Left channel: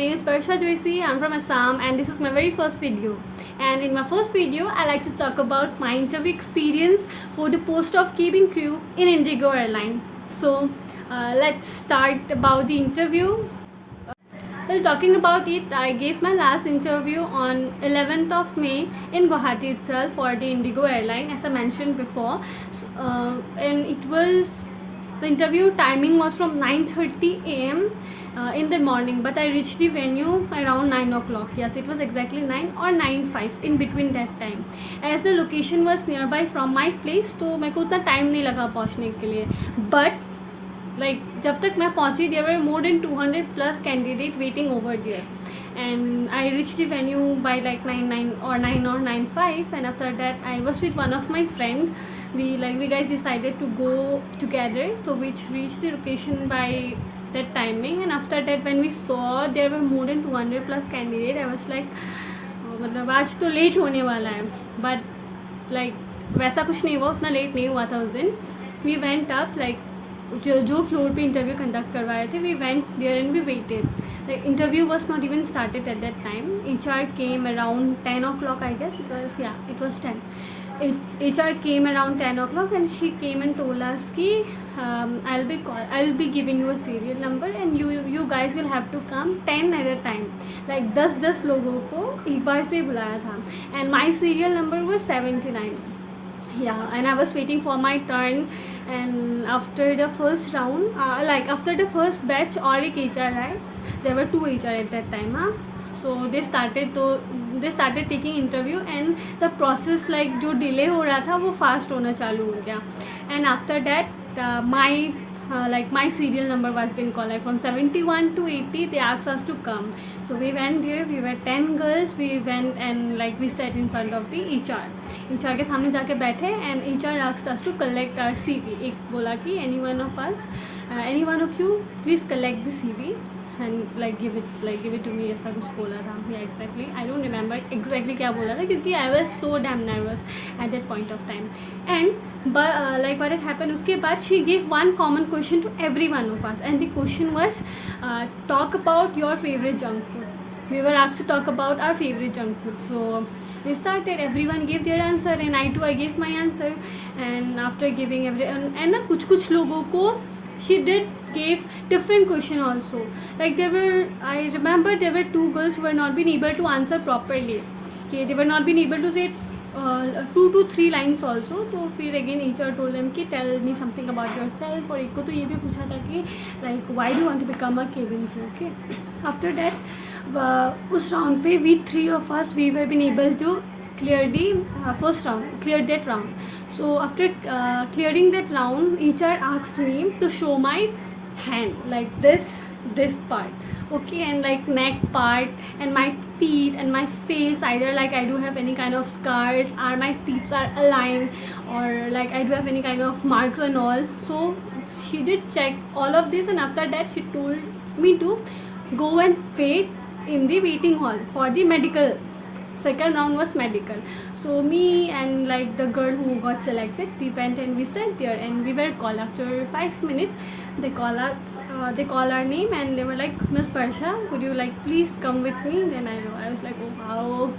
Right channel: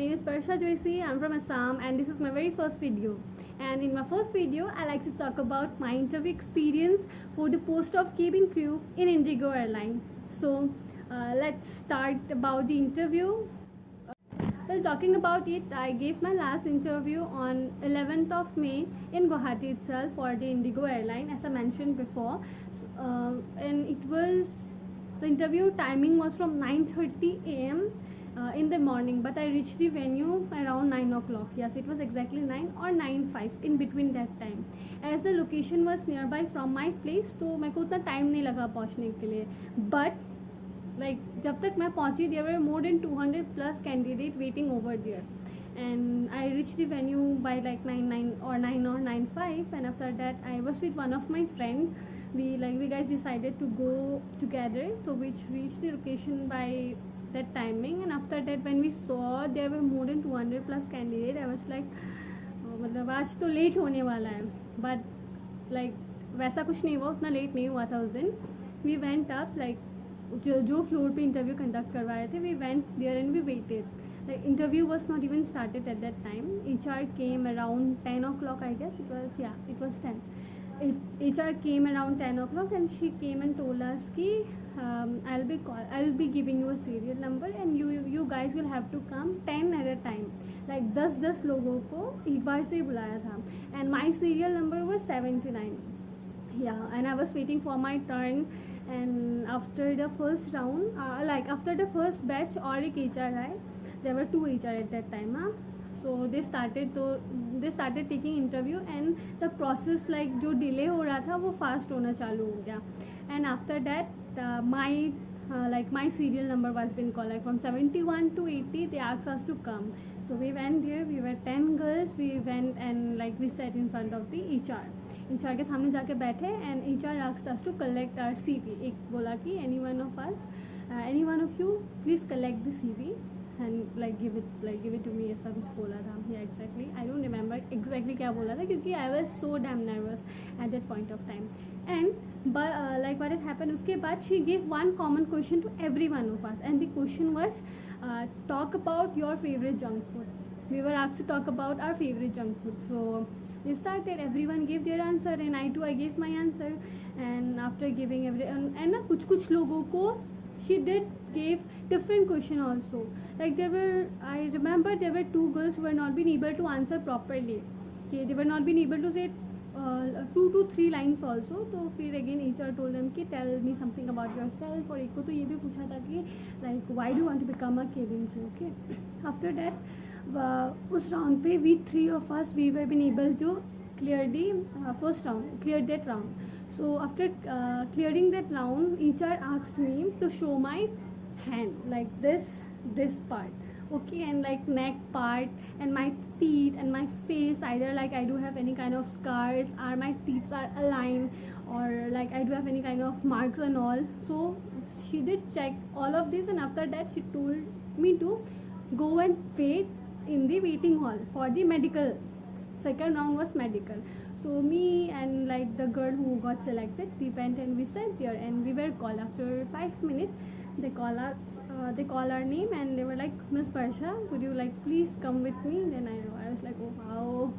name is Parsha Joyce. I'm from Assam and this is my very first video. And in my first video, I like to talk about my interview experience for the post of cabin crew in INDIGO Airlines. So let's start about the interview. Well, talking about it, I gave my last interview on 11th of May in Guwahati itself for the INDIGO Airline, as I mentioned before. And it was, the interview timing was from 9:30 a.m. In the morning, but I reached the venue around 9 o'clock. Yes, it was exactly 9 or 9:05 in between that time. As the location was nearby from my place, तो मेरे को उतना time नहीं लगा पहुँचने के लिए. But like जब तक मैं पहुंची there were more than 200 plus candidate waiting over there, and I reached the venue by like 9 or 9:05, and after that I was with one of my friend. We guys decided to go together, so we reached the location by that timing. And after that when we saw there were more than 200 plus candidate, I was like मतलब आज तो late होने वाला है. But like वैसा कुछ नहीं हुआ, उतना लेट नहीं हुआ था उस दिन. We went up like जो फ्लोर पे इंटरव्यू कंडक्ट करवाए थे, we went there and we waited. Like interview was not even started at that time. HR came around 10 o'clock, I guess. It was 10. HR came around 10 o'clock and she came and told us कि I'll be giving you a serial number and you guys will have to come 10 at a time. like 10 लोगों को एक बार से बुलाया था, and my serial number was 79. Yeah, and I was waiting for my turn. And after the first round, after the first batch और एक HR आए. There were 2 HR at that time. So they started taking interview, and the process like जो delay हो रहा था वो fast होना चालू हो गया. And after that my serial number was being called. Like from 71 to 80 they asked us to come. So we went there. We were 10 girls. We went and like we sat in front of the HR के सामने जाके बैठे, and HR asked us to collect our CV. एक बोला कि any one of you please collect the CV and give it to me, ऐसा कुछ बोला था. Yeah, exactly. I don't remember exactly क्या बोला था क्योंकि I was so damn nervous at that point of time. And what had happened, उसके बाद she gave one common question to every one of us, and the question was talk about your favorite junk food. We were asked to talk about our favorite junk food. So we started, everyone gave their answer, and I gave my answer. And after giving and ना कुछ लोगों को she did gave different question also. Like I remember there were 2 girls who were not been able to answer properly. Okay, they were not been able to say 2 to 3 lines also. तो फिर again HR told them कि tell me something about yourself. और एक को तो ये भी पूछा था कि like why do you want to become a cabin crew. Okay, after that उस round पे we 3 of us we were been able to clear the first round, cleared that round. So after clearing that round, HR asked me to show my hand, like this part, okay, and like neck part, and my teeth and my face, either like I do have any kind of scars, or my teeth are aligned, or like I do have any kind of marks and all. So she did check all of this, and after that she told me to go and wait in the waiting hall for the medical. Second round was medical. So me and like the girl who got selected, we went and we sat there, and we were called after 5 minutes. They call our name, and they were like, Miss Parsha, could you like please come with me? Then I was like, oh wow,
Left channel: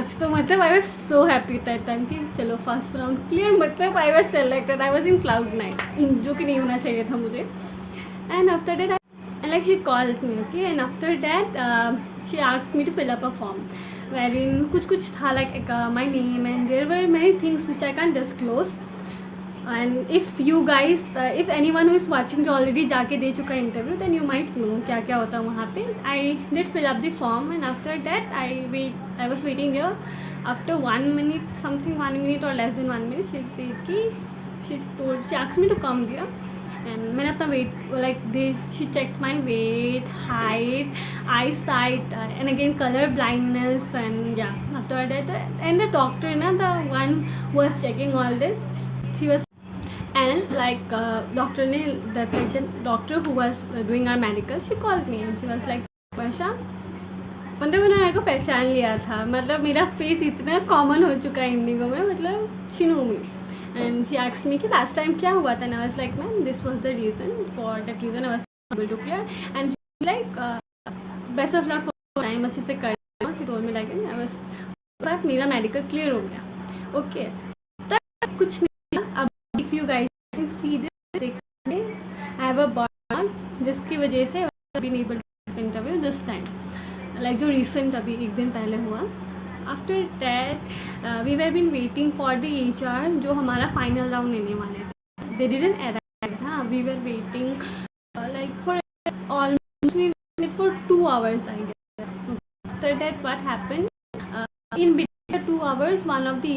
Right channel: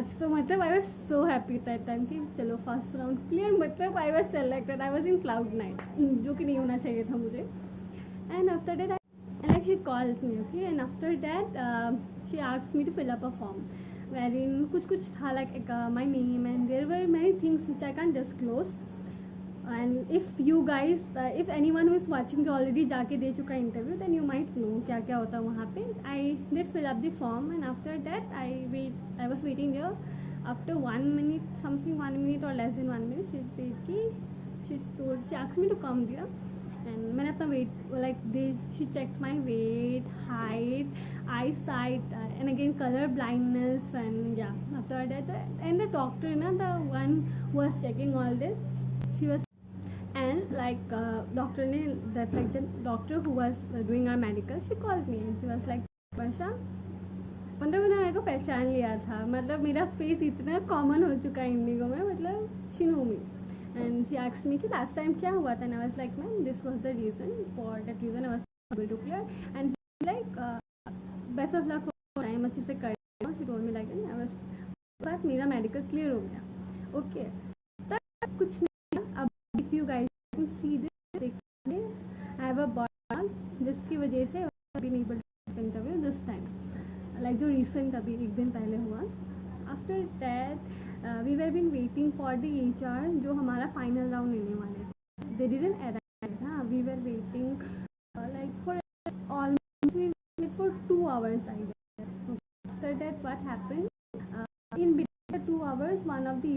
आज तो मतलब I was so happy that time कि चलो first round clear, मतलब I was selected. I was in cloud 9, जो कि नहीं होना चाहिए था मुझे. And after that and like she called me, okay, and after that she asked me to fill up a form wherein कुछ था like my name, and there were many things which I can't disclose. And if you guys if anyone who is watching जो already जाके दे चुका interview, then you might know क्या क्या होता है वहाँ पे. I did fill up the form, and after that I was waiting there. After 1 minute or less than 1 minute, she said she asked me to come there. And मैंने अपना weight she checked my weight, height, eyesight, and again color blindness. And yeah, after that and the doctor, the one who was checking all this, she was, and like the doctor who was doing our medical, she called me and she was like, Parsha, मतलब उन्होंने मेरे को पहचान लिया था. मतलब मेरा face इतना कॉमन हो चुका है इंडिगो में, मतलब she know me. And she asked me कि last time क्या हुआ था, and I was like, ma'am, this was the reason. For that reason I was able to clear. And she was like best of luck for time, अच्छे से कर role में लगे। मैं बस बात मेरा मेडिकल क्लियर हो गया। ओके, तब कुछ नहीं। अब if you guys see this, देखिए आई हैव अ बर्न जिसकी वजह से अभी नहीं बन इंटरव्यू दिस टाइम, लाइक जो रिसेंट अभी एक दिन पहले हुआ। After that we were been waiting for the HR, जो हमारा फाइनल राउंड लेने वाले थे। They didn't arrive. हाँ, we were waiting like for almost we waited for 2 hours, I guess. After that, what happened? In between the 2 hours, one of the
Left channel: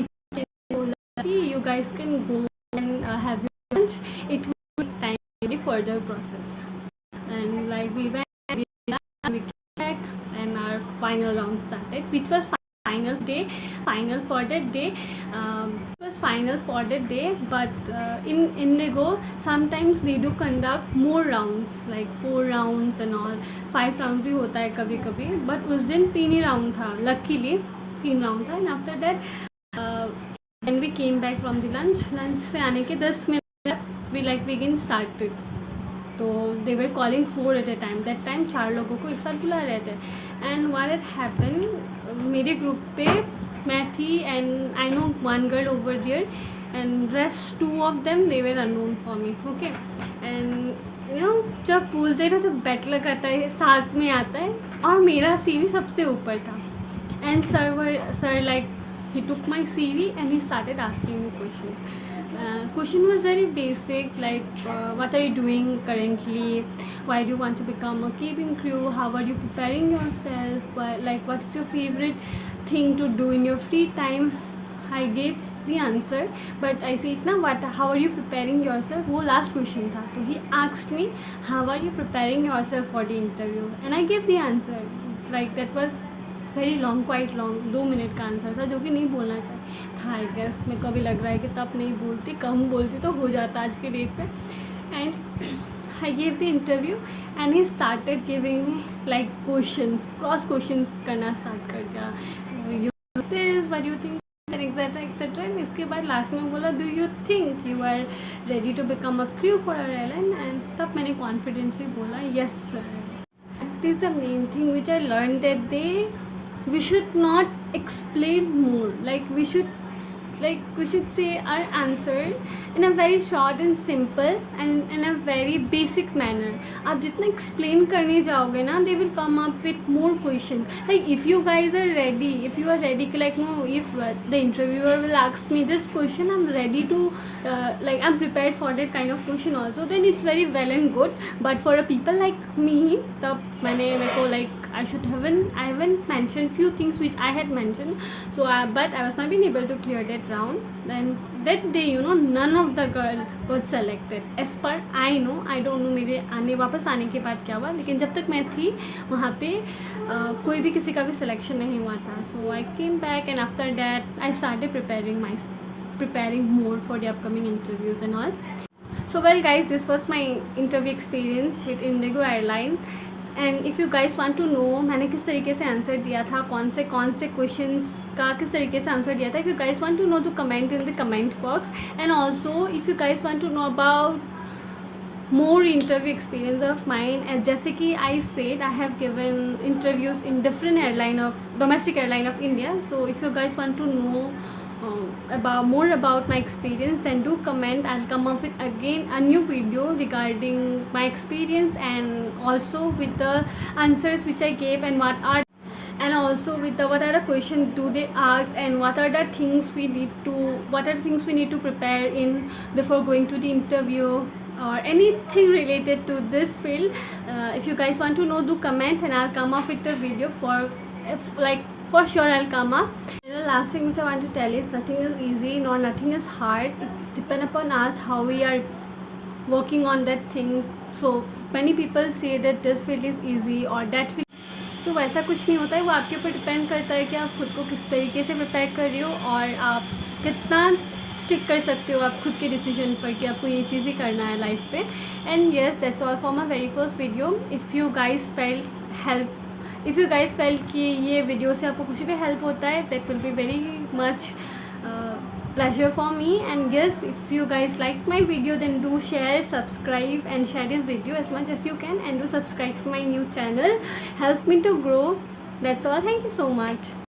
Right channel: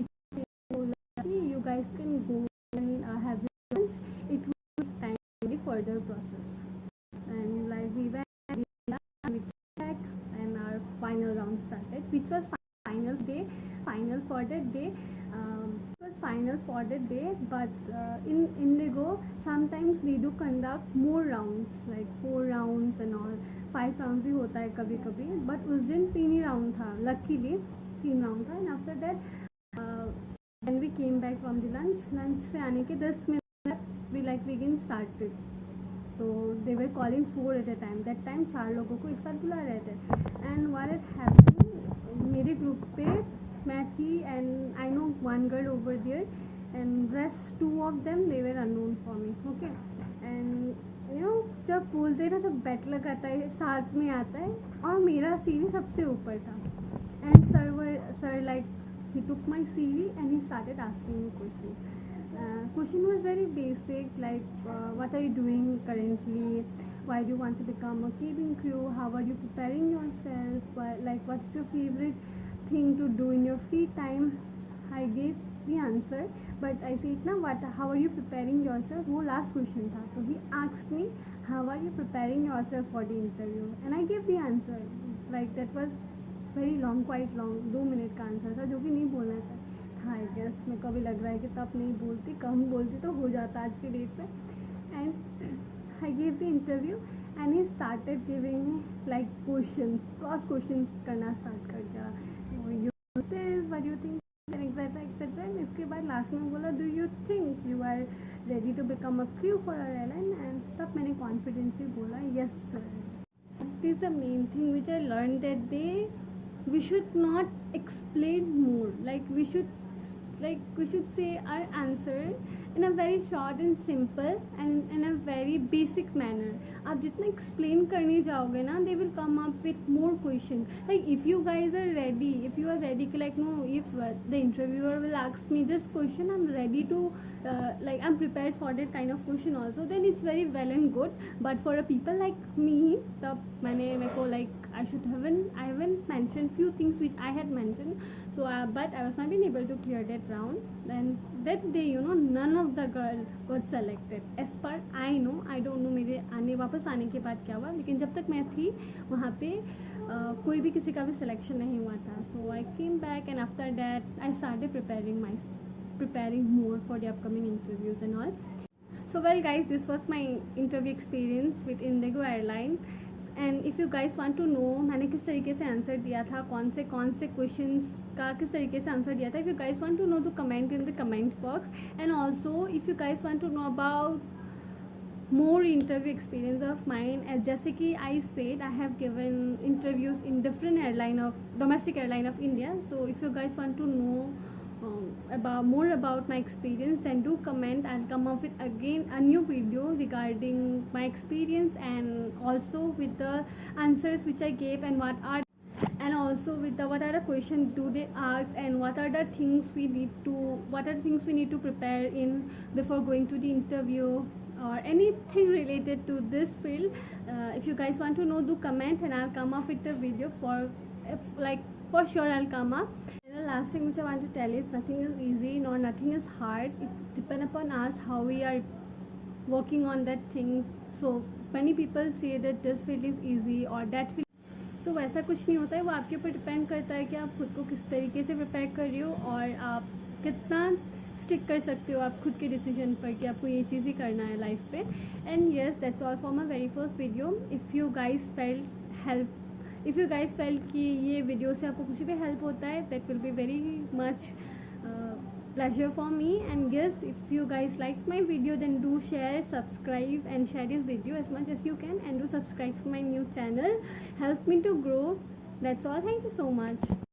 told us, you guys can go and have your lunch. It will take time for the further process. And like we went, we came back, and our final round started, which was final day, final for that day. It was final for that day, but in Indigo, sometimes they do conduct more rounds, like 4 rounds and all, 5 rounds भी होता है कभी कभी, but उस दिन 3 ही round था, luckily 3 round था। And after that, when we came back from the lunch से आने के 10 मिनट we again started. तो they were calling 4 at a time, that time 4 लोगों को एक साथ बुला रहे थे। एंड व्हाट हैड हैपन, मेरे ग्रुप पे मैं थी and I know 1 girl over there and rest 2 of them they were unknown for me. Okay, and you know जब बोलते हैं ना, जब बैटल करता है साथ में आता है, और मेरा CV सबसे ऊपर था। And sir like he took my CV and he started asking me questions. Question was very basic, like what are you doing currently, why do you want to become a cabin crew, how are you preparing yourself, like what's your favorite thing to do in your free time. I gave the answer, but I said na, what, how are you preparing yourself, वो last question था। तो he asked me how are you preparing yourself for the interview, and I gave the answer. Like that was very long, quite long, 2 minute का answer था, जो कि नहीं बोलना चाहिए था। आई गेस मेरे को अभी लग रहा है कि तब नहीं बोलती, कम बोलती तो हो जाता आज के डेट पे। And I gave the interview and he started giving me like questions, cross questions करना स्टार्ट कर दिया। So you this, what you think, etcetera etcetera. And इसके बाद लास्ट में बोला, do you think you are ready to become a crew for our airline. And तब मैंने confidently बोला, yes sir. That is the main thing which I learn that day. We should not explain more, we should say our answer in a very short and simple and in a very basic manner. आप जितना explain करने जाओगे ना, they will come up with more questions. Like if you guys are ready, if you are ready, like no, if the interviewer will ask me this question, I'm ready to I'm prepared for that kind of question also, then it's very well and good. But for a people like me, तब मेरे को I haven't mentioned few things which I had mentioned, so but I was not being able to clear that round. Then that day, none of the girl got selected as per I know. I don't know मेरे वापस आने के बाद क्या हुआ, लेकिन जब तक मैं थी वहाँ पे कोई भी किसी का भी सिलेक्शन नहीं हुआ था। So I came back and after that I started preparing more for the upcoming interviews and all. So well guys, this was my interview experience with INDIGO Airlines. And if you guys want to know मैंने किस तरीके से answer दिया था, कौन से questions का किस तरीके से आंसर दिया था, if you guys want to know तो comment in the comment box. And also if you guys want to know about more interview experience of mine, as जैसे कि I said I have given interviews in different domestic airline of India. So if you guys want to know more about my experience, then do comment. I'll come up with again a new video regarding my experience and also with the answers which I gave and also with the what are the questions do they ask and what are the things we need to prepare in before going to the interview or anything related to this field. If you guys want to know, do comment and I'll come up with the video for sure I'll come up. And the last thing which I want to tell is nothing is easy nor nothing is hard. It depends upon us how we are working on that thing. So many people say that this field is easy or that field. So वैसा कुछ नहीं होता है, वो आपके ऊपर depend करता है कि आप खुद को किस तरीके से प्रिपेयर कर रहे हो और आप कितना स्टिक कर सकते हो आप खुद के डिसीजन पर कि आपको ये चीज़ ही करना है लाइफ पे. And yes, that's all for my very first video. If you guys felt कि ये वीडियो से आपको कुछ भी हेल्प होता है, that will be very much pleasure for me. And yes, if you guys liked my video, then do share, subscribe, and share this video as much as you can, and do subscribe to my new channel. Help me to grow. That's all. Thank you so much.